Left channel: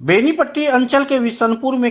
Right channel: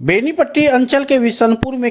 बेनीपट्टी अंचल के बिशनपुर में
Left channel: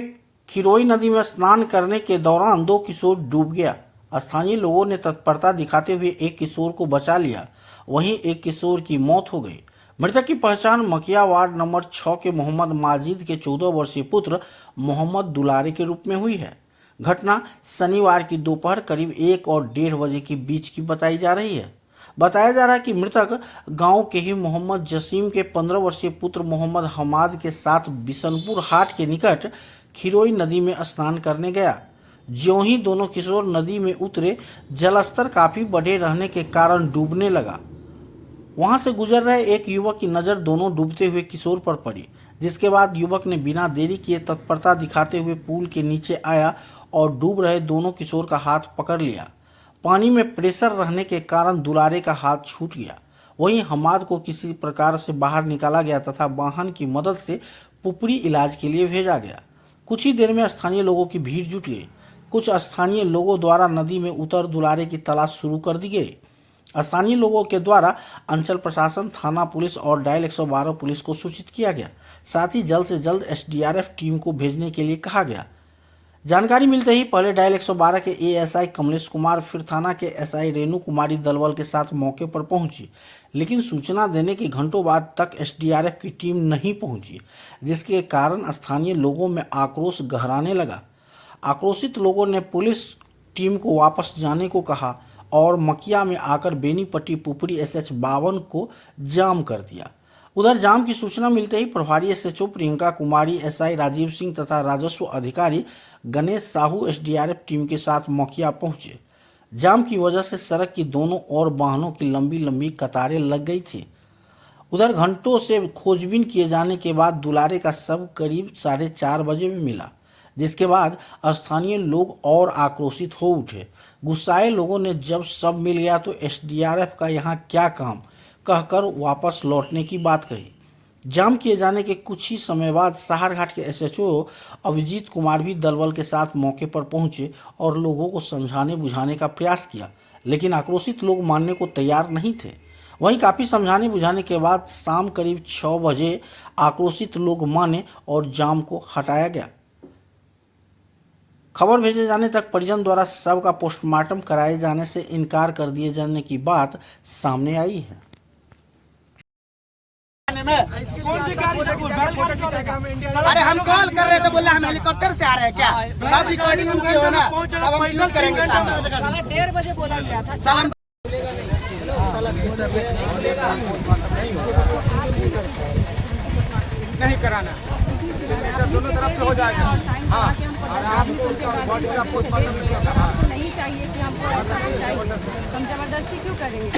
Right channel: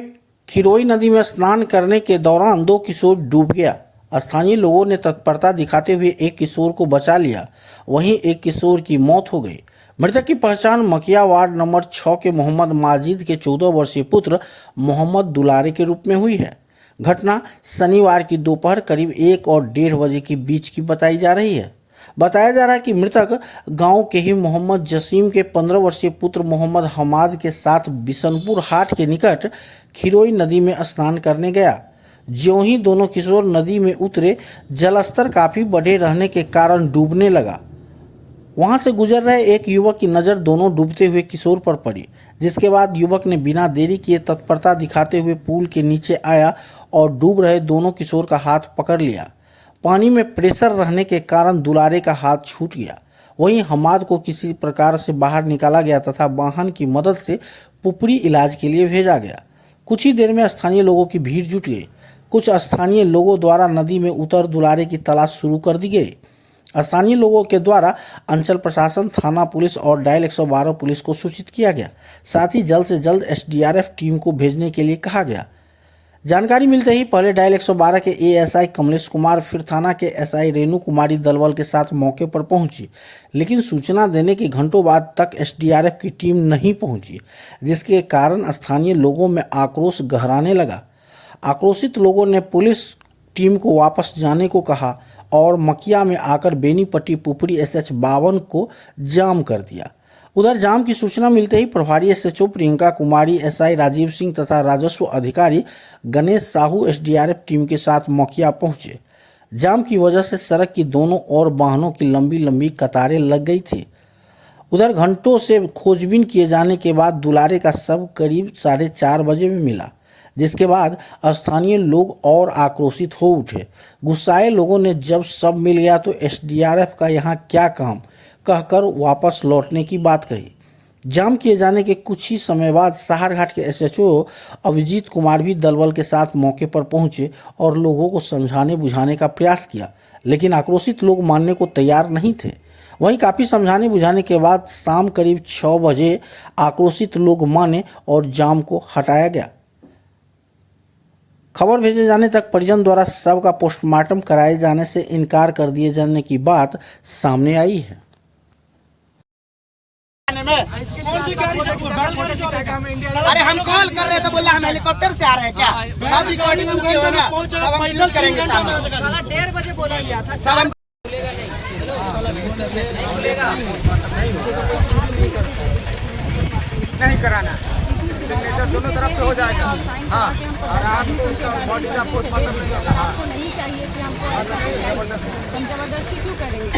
खिरोई नदी में स्नान करने के दौरान 2 किशोर डूब गया। स्थानीय लोगों ने तत्परता दिखाते हुए एक किशोर को बचा लिया, वहीं एक किशोर की मौत हो गई। मृतक की पहचान मकिया वार्ड नंबर 6 के मोहम्मद माजिद के 14 वर्षीय पुत्र मोहम्मद दुलारे के रूप में हुई है। घटना शनिवार की दोपहर करीब 1 और 1:30 बजे के बीच की बताई जा रही है। बताया जा रहा है कि मृतक गांव के ही मोहम्मद जसीम के 15 वर्षीय पुत्र मोहम्मद हमाद के साथ बिशनपुर हाट के निकट खिरोई नदी में स्नान करने गया। ज्यों ही दोनों किशोर नदी में उतरे, जलस्तर काफी बढ़े रहने के कारण डूबने लगा। वहां से गुजर रहे एक युवक की नज़र दोनों डूबते हुए किशोर पर पड़ी, जिसके बाद युवक ने बिना देरी किए तत्परता दिखाते हुए पुल के नीचे आया और डूब रहे दोनों किशोर का हाथ पकड़ लिया। पानी में प्रेशर रहने के कारण दुलारे का हाथ छूट गया। वहीं हमाद को किसी प्रकार से बाहर निकाला गया तथा वाहन की मदद से पुपरी इलाज के लिए भेजा गया। कुछ ही देर में स्थानीय लोगों की भीड़ जुट गई। कुछ स्थानीय लोगों द्वारा नदी में उतर दुलारे की तलाश शुरू कर दी गई। स्थानीय लोगों के द्वारा अंचल प्रशासन, थाना पुलिस और डायल 112 पुलिस को सूचित किया गया। साथ ही जल्द से जल्द SDRF टीम को भेजने के लिए कहा गया। जानकारी मिलते ही पहले डायल 112 के ASI कमलेश कुमार, फिर थाना के SI रेणु कुमारी दलबल के साथ मौके पर पहुंची, लेकिन सूचना देने के घंटों बाद तक SDRF की टीम नहीं पहुंची, जिसके कारण स्थानीय लोगों में आक्रोश गहराने लगा। आक्रोशित लोगों ने पुलिस टीम को वापस जाने को कहा और मकिया में आकर बेनीपट्टी पुपरी SH 52 को जाम कर दिया। उधर जाम की सूचना मिलते ही प्रभारी SHO प्रियंका कुमारी, SI राजीव सिंह तथा राजस्व अधिकारी गणेश साहू SDRF टीम के साथ मकिया पहुंचे। जाम की वजह से सड़क की दोनों ओर वाहनों की लंबी लंबी कतारें लग गई थी। उधर घंटों से खोजबीन किए जाने के बाद दुलारे का शव करीब 4:30 बजे में मिला, जिसके बाद स्थानीय लोग और आक्रोशित हो उठे। गुस्साए लोगों ने जब शव मिल गया तो SDRF का यहाँ क्या काम कहकर वापस लौटने की बात कही। जाम किए जाने के कुछ ही समय बाद सहारघाट के SHO अभिजीत कुमार भी दलबल के साथ मौके पर पहुंचे और लोगों को समझाने बुझाने का प्रयास किया, लेकिन आक्रोशित लोग मानने को तैयार नहीं थे। वहीं काफ़ी समझाने बुझाने के बाद शाम करीब 6 बजे आक्रोशित लोग माने और जाम को हटाया गया। खबर भेजे जाने तक परिजन द्वारा शव का पोस्टमार्टम कराए जाने से इनकार कर दिए जाने की बात सामने आई है। अरे हम कॉल कर रहे थे, बोले हम हेलीकॉप्टर से आ रहे हैं क्या? सब रिकॉर्डिंग हम किए हो ना, सब हम अपलोड करेंगे। 1:30 बजे बोला गया था। सब हम नहीं कराना, सिग्नेचर दोनों तरफ से हो जाएगा। हाँ, और आपको बॉडी का पोस्टमार्टम नहीं चाहिए कि हमको ऐसा नहीं चाहिए, हम जबरदस्ती क्यों करेंगे?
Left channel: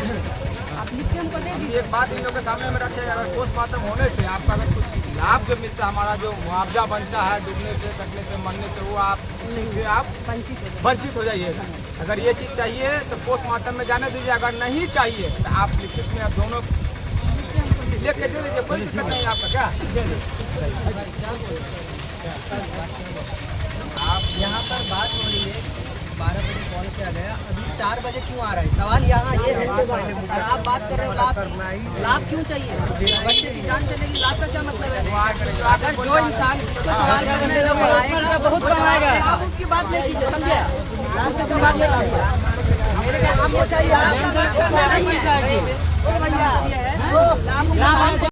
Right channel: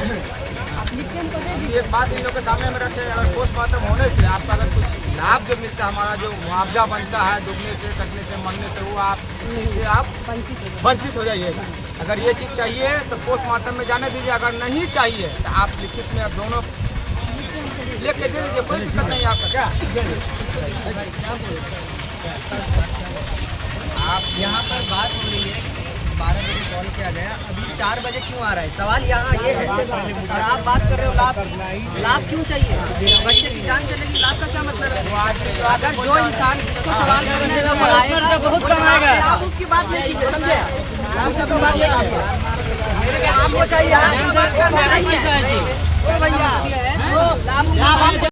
आप लिख के हमको दे दीजिए। एक बात इन लोगों के सामने में रखे, अगर पोस्टमार्टम होने से आपका अगर कुछ लाभ जो मिलता है, हमारा जो मुआवजा बनता है डूबने से, कटने से, मरने से, वो आप इससे आप वंचित हो जाइएगा। अगर ये चीज़ चाहिए तो पोस्टमार्टम में जाने दीजिए, अगर नहीं चाहिए तो आप लिखित में आप दोनों लेके दे दीजिए, कोई दिक्कत नहीं आपका। क्या आप यहाँ पर बात हो रही है कि 12 बजे कॉल किया गया, अभी 4 बजे क्यों आ रहा है? सवाल यहाँ ये है, और आप बात कर रहे हो लाभ क्यों चाहिए? बच्चे की जान चलेगी, लाभ का क्या मतलब है? अगर जो इंसान जिसको सवाल करना है बहुत लाभ उसकी बात नहीं कीजिए, समझे? लाभ सबको बात नहीं कीजिए।